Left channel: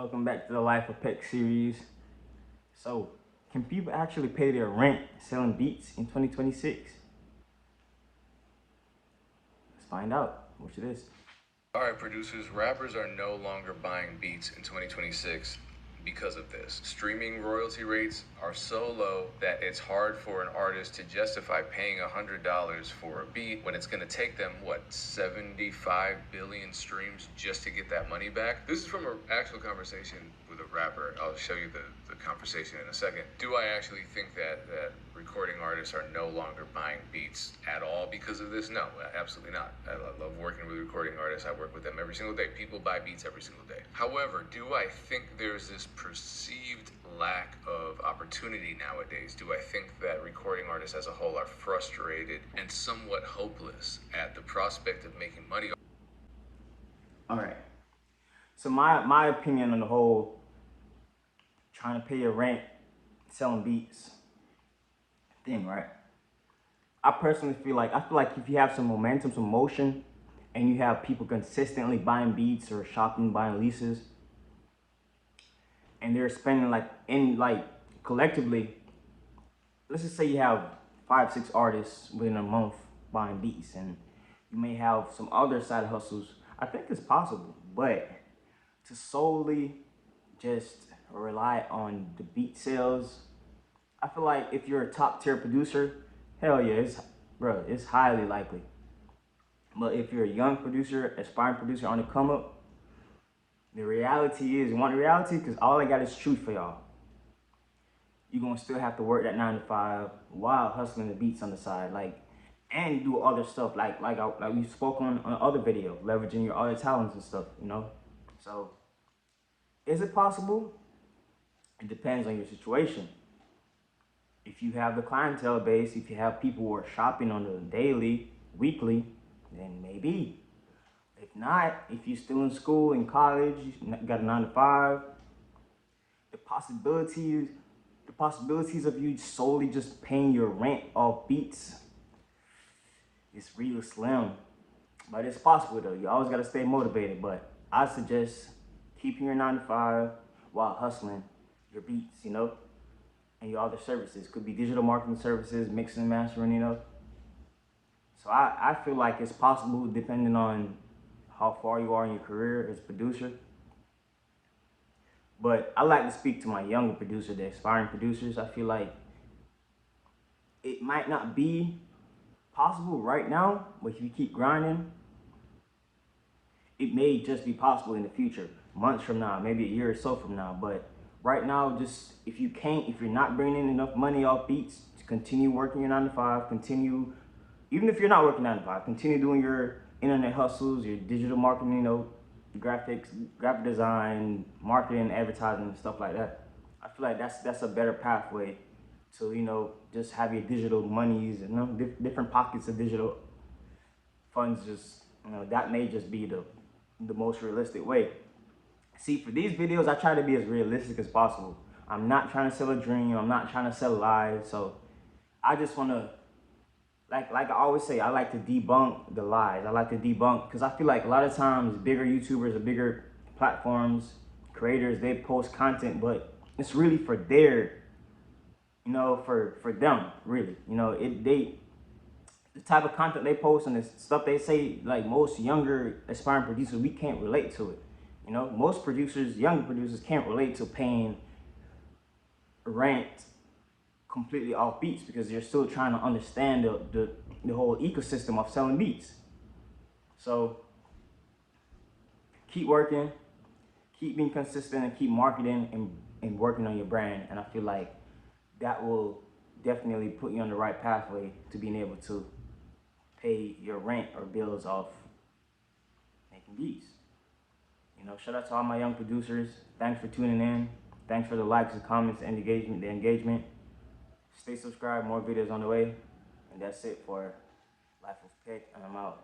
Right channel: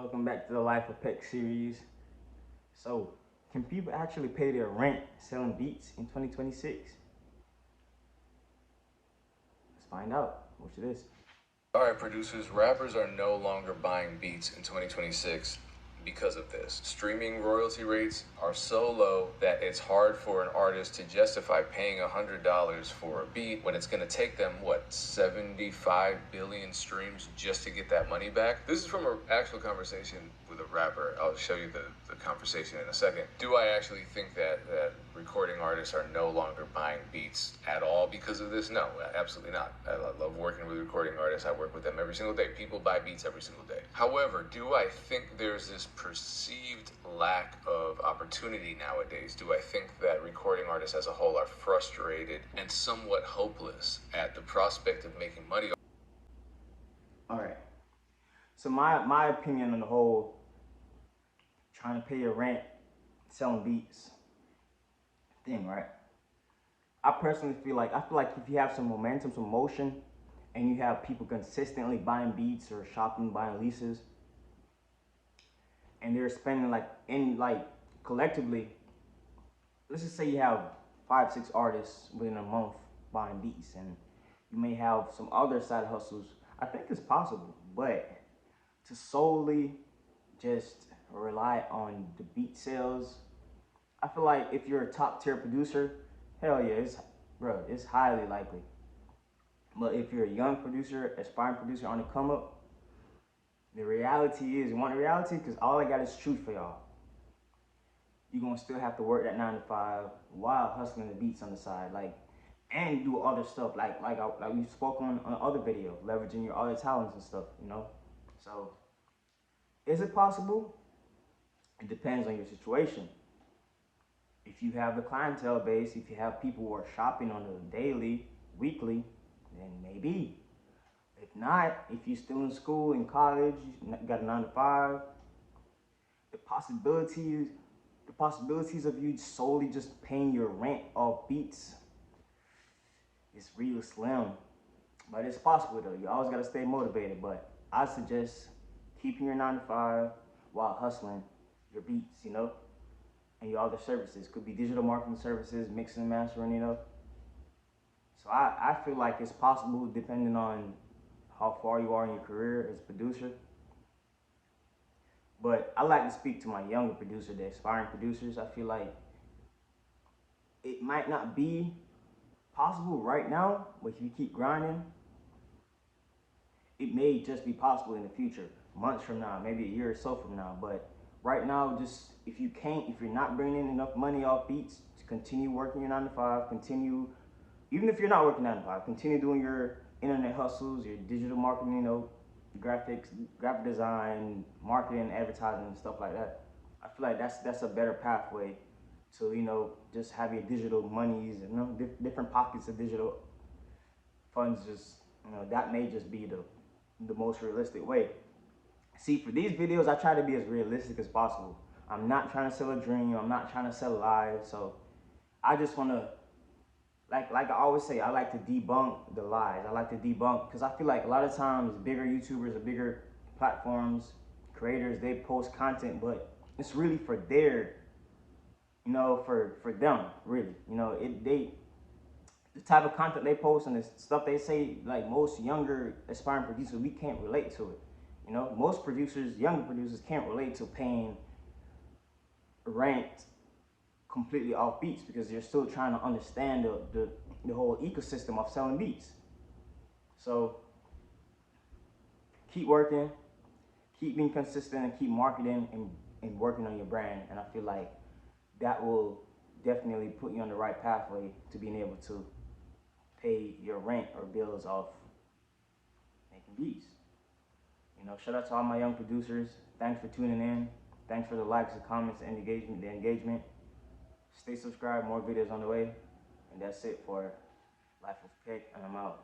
Welcome back to the Life of Peckk series. So, can people actually pay their rent selling beats in 2026? Let's find out. Watch this. All right, producers, rappers are no longer buying beats in 2026 because of this. Streaming royalty rates are so low that it's hard for an artist to justify paying $100 for a beat when it's going to take them, 75 billion streams just to get that money back? This is from an actual conversation with a rapper. I'll show you the conversation in a second. Do I actually think that recording artists are no longer buying beats at all because of this? No, absolutely not. I love working with recording artists. I work with them every single day. People buy beats every single day. However, do I think there's this perceived lack of opportunity nowadays? Do I think that recording artists as a whole are frustrated and somewhat hopeless at the prospect of making money? All right. So my opinion on the whole trying to pay your rent selling beats thing, right? I personally feel like if you have some momentum, some motion, and you have people consistently buying beats or shopping, buying leases, and they're spending collectively, let's just say you have 5-6 artists within a month buying beats, and you may have some other side hustles. I think it's possible, but to solely just rely on the beat sales, I feel like if you're a top tier producer, hell yeah, it's highly likely. But if you're a young producer, aspiring producer on the come up, the reality is, you want the reality? Because all I got is truth for y'all. You're gonna still have to work that 9 to 5 while hustling the beats on the side, and do other stuff like we spoke on other video, leveraging your other talents and stuff, So, is it possible? It depends on your situation. If you have the clientele base, if you have people who are shopping on the daily, weekly, then maybe. If not, if you're still in school, in college, you got a 9 to 5, the possibilities of you solely just paying your rent off beats is real slim. But it's possible though. You always gotta stay motivated. But I suggest keeping your 9 to 5 while hustling your beats, and your other services. Could be digital marketing services, mixing and mastering, So I feel like it's possible depending on how far you are in your career as a producer. But I like to speak to my younger producers, the aspiring producers. I feel like it might not be possible right now, but if you keep grinding, it may just be possible in the future, months from now, maybe a year or so from now. But right now, just if you're not bringing in enough money off beats, to continue working your 9 to 5, even if you're not working 9 to 5, continue doing your internet hustles, your digital marketing, graphics, graphic design, marketing, advertising, stuff like that. I feel like that's a better pathway to, just have your digital monies and different pockets of digital funds. Just, that may just be the most realistic way. See, for these videos, I try to be as realistic as possible. I'm not trying to sell a dream. I'm not trying to sell lies. So I just want to, like I always say, I like to debunk the lies. I like to debunk, because I feel like a lot of times bigger YouTubers or bigger platforms, creators, they post content, but it's really for for them, really. The type of content they post and the stuff they say, like most younger aspiring producers, we can't relate to it. Most younger producers can't relate to paying rent completely off beats, because you're still trying to understand the whole ecosystem of selling beats. So keep working, keep being consistent, and keep marketing and working on your brand. And I feel like that will definitely put you on the right pathway to being able to pay your rent or bills off making beats. Shout out to all my young producers. Thanks for tuning in. Thanks for the likes, the comments, and the engagement. Stay subscribed, more videos on the way. And that's it for Life of Peckk, and I'm out.